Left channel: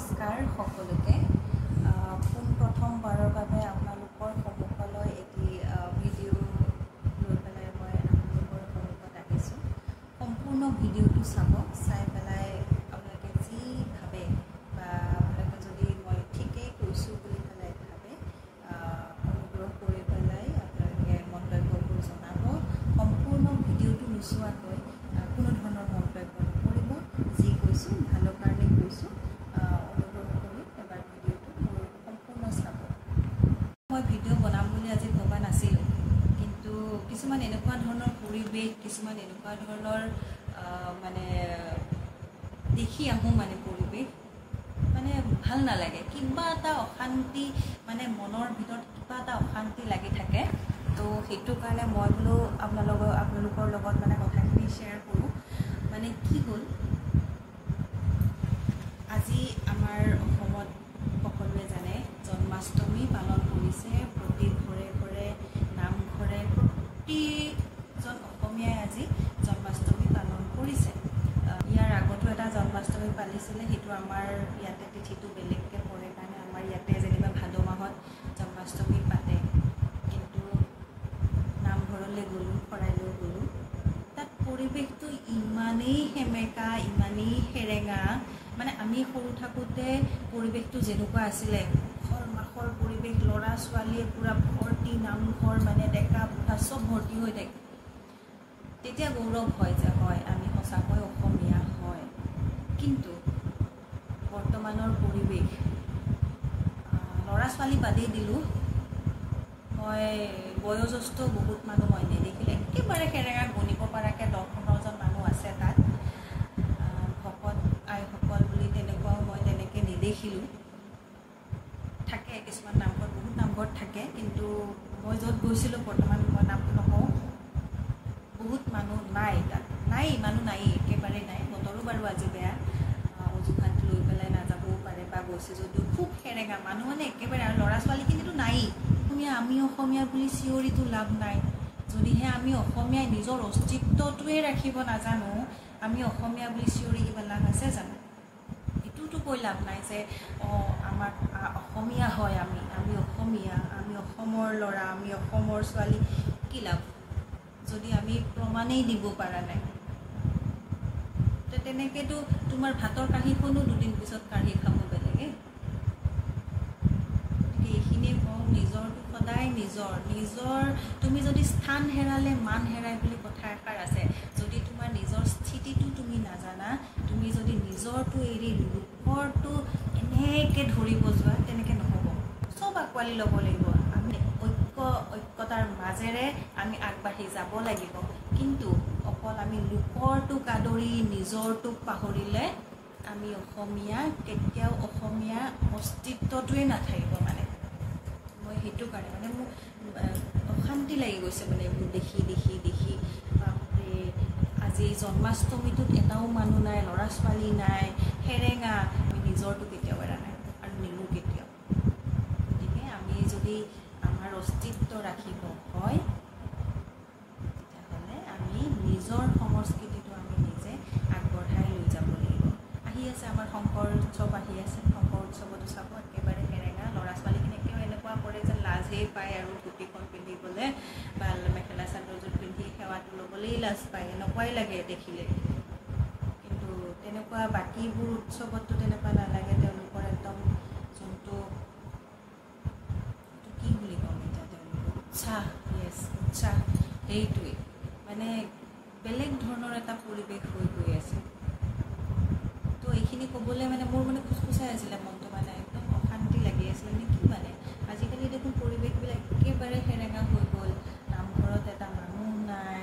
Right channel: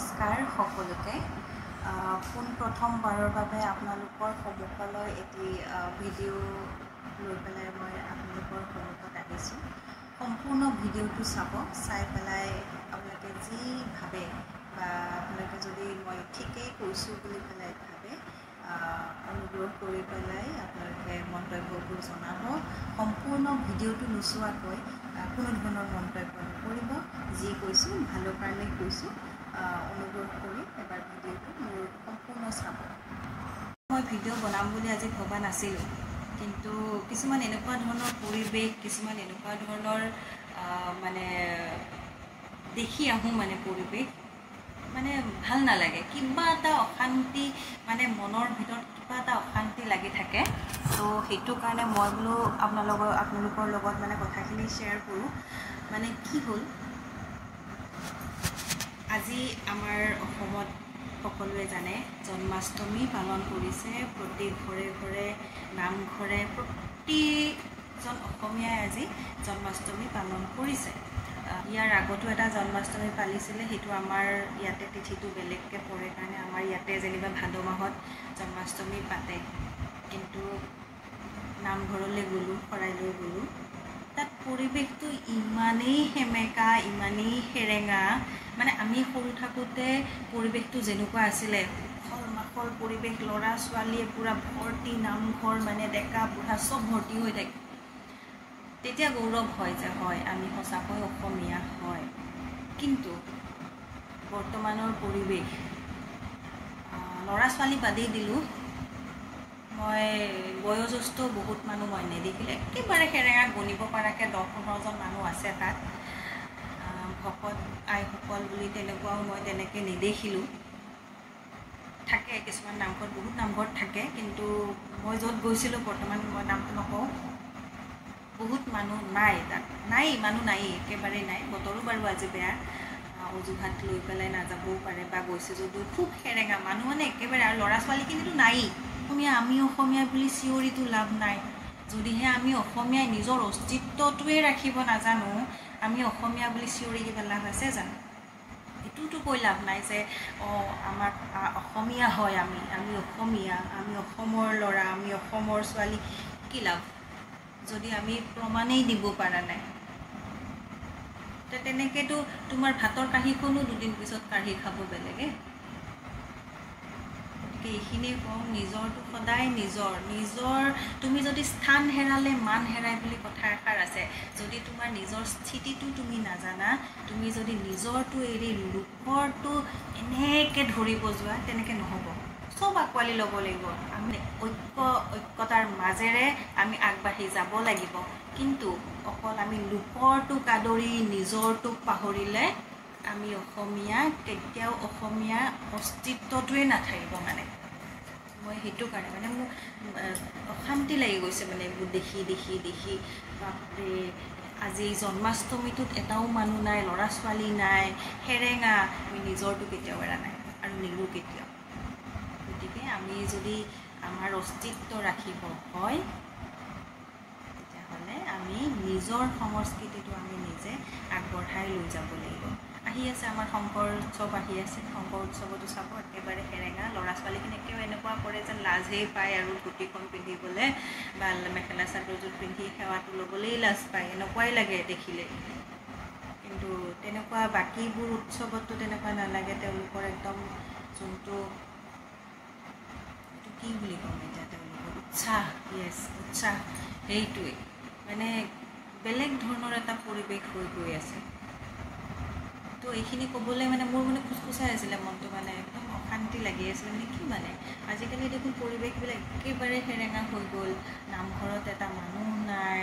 নমস্কাৰ সকলোকে প্ৰথমবাৰৰ বাবে আপোনালোকৰ সন্মুখলৈ এটি ভিডিঅ' লৈ পেলাই মই আপোনালোকৰ সন্মুখত আহিছোঁ। সম্পূৰ্ণ ভিডিঅ'টো চাই পেলাই আপোনালোকে যি ভাবে বা আপোনালোকে যদি মই ঠিকেই কৈছোঁ বুলি পেলাই ভাবে অনুগ্ৰহ কৰি পেলাই আপোনালোকে মন্তব্যবোৰ জনাব। সম্পূৰ্ণ ভিডিঅ'টো নোচোৱাকৈ কোনো ধৰণৰ মন্তব্য নকৰিব। যি কৈছোঁ ভালৰ কাৰণে কৈছোঁ, অনুগ্ৰহ কৰি এবাৰ ভিডিঅ'টো মোৰ সম্পূৰ্ণ চাব। মই ভিডিঅ' বনাম বুলি আজি ভবা নাছিলোঁ, কিন্তু কিছুমান এনেকুৱা ধৰণৰ পৰিৱেশ, কিছুমান এনেকুৱা ধৰণৰ মানে দেখি আহোঁ, মানে পৰিৱেশ মানে ভাল নালাগে, কিবা এটা অশান্তি, মানে মনৰ ভিতৰত কিবা এটা অশান্তি লাগি থাকে। তো সেইটো কাৰণে মই বোলো আপোনালোকৰ লগত মানে কথাখিনি শ্বেয়াৰ কৰোঁ। মানে কি হ'ল, আজি আমাৰ অসমত সকলোৱে জানে জন্মাষ্টমী পালন কৰিছে। প্ৰতি ঘৰে ঘৰে নামঘৰে প্ৰতিজন অসমীয়াই আজি জন্মাষ্টমী পালন কৰিছে। ইয়াৰ আগতো এটা জন্মাষ্টমী পালিছিলে, সেইটো আমাৰ ইয়াতে তিথিটো বেলেগকৈ পৰে কাৰণে আমাৰ ইয়াতে যেনিবা ভাদ মাহত জন্মাষ্টমী পাতে। কিন্তু নামঘৰলৈ গ'লোঁ, শৰাইলৈ গ'লোঁ, তাত পৰিৱেশটো ইমানেই সেমেকা, ইমানেই সেৰেঙা। মানে আমি সৰু থাকোঁতে পৰিৱেশটো যেনেকুৱা আছিলে, উখল মাখল পৰিৱেশ, ল'ৰা ছোৱালীয়ে পূৰা ভৰ্তি, নামঘৰ মানে ডেকা বুঢ়া চব ভৰ্তি হৈ থাকে। তেতিয়া গৌৰৱ হয় যে হয় আমি সঁচাকৈ অসমীয়া হয়। কিন্তু বৰ্তমানৰ পৰিৱেশ, ল'ৰা ছোৱালী বাদেই দিলোঁ, মই বয়োজ্যেষ্ঠ বহুত মানুহ মই নেদেখিলে, একেবাৰে সেৰেঙা গণিব পৰাকৈ 10-15জন মানুহ আছে তাত। ভকত আইসকল বুলি তেনেকুৱাও মই তেনেকৈ নেদেখিলোঁ। থাকে কিছুমান নামঘৰত, বহুত নামঘৰত থাকে, কিন্তু মই য'ত গৈছিলোঁ বৰ্তমান মই নামটো নকওঁ, বহুত মানুহ নাই তাত, মানুহ নাই, একেবাৰেই নাই। বতৰো বাৰু আজি বেয়া, অজুহাত লৈ পেলাই নাযাবও পাৰে, বা গৈছে যদিও খুব সেৰেঙা মানুহ, মানে একেবাৰে। আৰু ল'ৰা ছোৱালীখিনিতো নায়েই। আমি অসমীয়া বুলি চিঞৰিতো লাভ নাই। যদিহে আমি অসমীয়াই নিজৰ অস্তিত্বটোৱে ৰাখিব নাজানো, আমি অসমীয়া বুলি চিঞৰি কিবা লাভ আছে জানো? এইটোতো কৈ লাভ নাই যে আমাৰ অসমীয়া হয়, আমি অসমীয়া, আমি অসমৰ ল'ৰা, আমি অসমৰ ছোৱালী। কি লাভ যদি আমি প্ৰমাণেই দিব পৰা নাই? তেনেকৈতো তোমাৰ ভাতৰ কাঁহীখনো দুদিন পিছত কাঢ়ি খাব বেলেগে। গতিকে এইখিনিয়ে কওঁ, নিজৰটো সদায় নিজৰ। তুমি যদি স্থান হেৰালে মান হেৰাই বুলি কথা এষাৰ আছে। যদি তোমাৰ নিজৰ স্থিতিটো তুমি নাজানা, তুমি যদি নিজৰটো এৰি লোকৰটো এনেকৈ ধৰিব যোৱা, তেনেকৈ নহ'ব। চব আঁকোৱালি ল'ব লাগিব। আমি ঐক্যতাৰ মাজেৰে আমি আগবাঢ়ি যাব লাগিব। কিন্তু অকল আমি লোকৰটোক আদৰি নিজৰটোক পাহৰিলে আমি অসমীয়া কেতিয়াও অসমীয়া অস্তিত্বটোৱে নাথাকিব। মানে মই সেইটো কাৰণে মানে মোৰ অশান্তি লাগি গৈছে, মানে এইবোৰ দেখি বাপৰে। আজি জন্মাষ্টমীটোত এটাও মানুহ নাই, ল'ৰা ছোৱালী নাই, সেৰেঙা। আমি নিজৰটো কেতিয়াও এৰা নাই আৰু নেৰো কেতিয়াও। গতিকে আমি যদি আমাৰ অস্তিত্ব ৰাখিব হয়, তেতিয়াহ'লে আমি নিজৰ সংস্কৃতিটো আমি নিজে আগবঢ়াই লৈ যাব লাগিব। আহি আছে আমাৰ শংকৰ উৎসৱ আহি আছে। শংকৰ উৎসৱতো চাব একেবাৰে সেৰেঙা। ল'ৰা ছোৱালীখিনি একেবাৰে এনেকুৱা কৰে যেন লাজেই পায় আৰু ধুতিখন পিন্ধিবলৈ বা মেখেলা চাদৰযোৰ পিন্ধি সেৱাটো ল'বলৈই লাজ পায়, এনেকুৱাই লাগে দেখিলে। কিন্তু তেনেকুৱা বাকীবোৰ উৎসৱততো তেনেকুৱা নালাগে। তেওঁলোকৰ একদম যোনটো কি বুলি ক'ম এতিয়া, তেওঁলোকৰ উৎসাহ, উৎসাহ, সেইটোৱে মানে বেলেগ ধৰণৰ এটা পৰিৱেশ হৈ গৈ আছে। তো এইখিনি ক'বলৈ মানে মোৰ মানে খুচখুচাই আছিলে মনটো, মানে একদম অশান্তি লাগি আছিলে। মানে কি মানে আজিকালি দেখোন পৰিৱেশবিলাক একেবাৰে সেৰেঙা হৈ গ'ল। নামঘৰত এটা মানুহ নাই,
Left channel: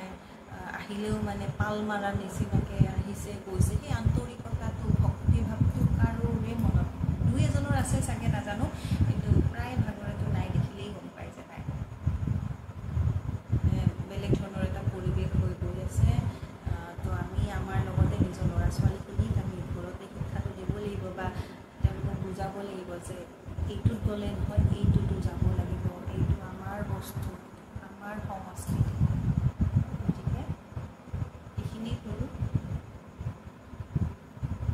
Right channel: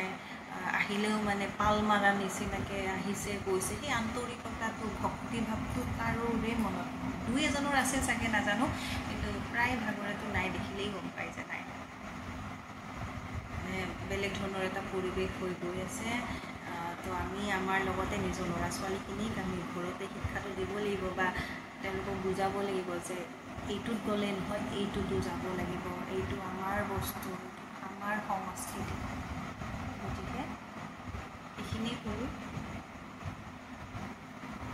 আহিলেও মানে পাল মাৰা নিচিনাকৈ আহিছে গৈছে। সেই আন্তৰিকতাটো, ভক্তিভাৱটো কাৰোৰে মনত, দুই এজনৰ আছে চাগে নাজানো, কিন্তু প্ৰায় ভাগৰেতো নাই। দেখিলেই গম পাই যে নাই, বেলেগ ধৰণৰ এটা পৰিৱেশ হৈ গৈ আছে। তো আমি আমাৰ লগতে নিজৰ ল'ৰা ছোৱালীখিনিক আমি ঘৰতে শিক্ষাটো দিব লাগিব, বা তেওঁলোকক বুজাব লাগিব যে এইটোত গ'লে নহয়, এইটোতো যাব লাগিব, এইটো আমাৰ বস্তু, আমাৰ সংস্কৃতি। গতিকে এইখিনি কৰোঁ।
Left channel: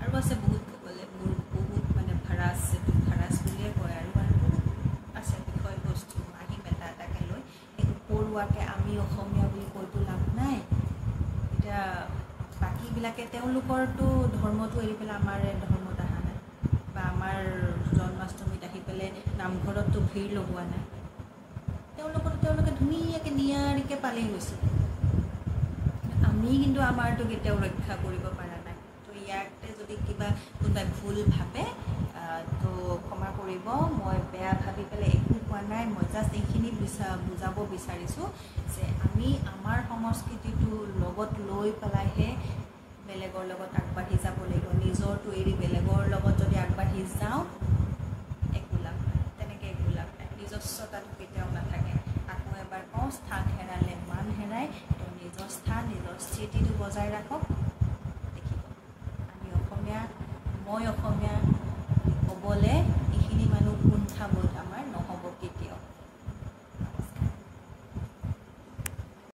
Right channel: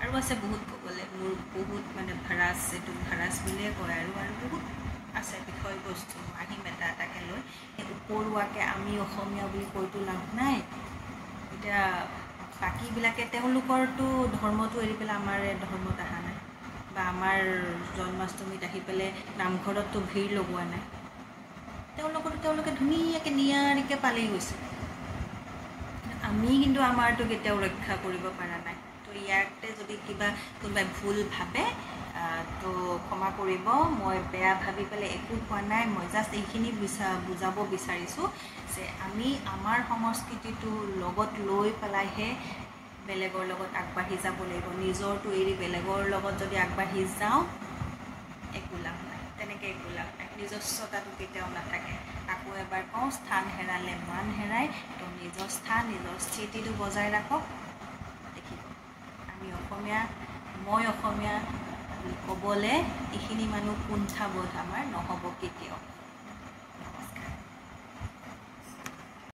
আৰু আছে বহুত ক'বলৈ, মোৰ বহুত মানে ভাড়া বুলিয়ে কয় আৰু বহুত আছে বিষয়বস্তু আহিম এটাকে লৈ এই উপৰুৱাকৈ আমি অসমীয়া বুলি কৈতো লাভ নাই এতিয়া বাকীবিলাকে তেওঁলোকৰতো ধৰ্মটো এৰি পেলাই আমাৰ ধৰ্মত অহা নাই বা আমাৰ জন্মাষ্টমীত আহি পেলাই নামঘৰততো ভিৰ লগোৱা নাই তেওঁলোকে ধুনীয়াকৈ নিয়াৰিকৈ পালি গৈছে আমি কিন্তু আমাৰতো কেতিয়াও ৰক্ষা কৰিব পৰা নাই তো ইয়াতে যদি কিবা কোনোবাই ভুল ভাবে তো ক্ষমা কৰিব মই বেয়া ভাবি পেলাই একো কোৱা নাই মই জাষ্ট এইখিনি বুজাব বিচাৰিছোঁ যে আমি আমাৰ সংস্কৃতিটো লগত লৈ পেলাইহে বেলেগৰ লগত আগবাঢ়ি যাব লাগিব নিজৰটো এৰি বেলেগৰ লগত যদি আগবাঢ়ি যাওঁ একো লাভ নাই তেনেকৈ একো লাভ নাই নিজস্বতাটো কেতিয়াও নাথাকে আকৌ এবাৰ কওঁ স্থান হেৰালে মান হেৰাই তো নিজৰ স্থান নিজৰ স্থিতিটো বজাই ৰাখক দেখিব আমি অসমীয়া মই অসমীয়া ক'বলৈ এইখিনি মানুহ কুণ্ঠাবোধ আমাৰ নহয়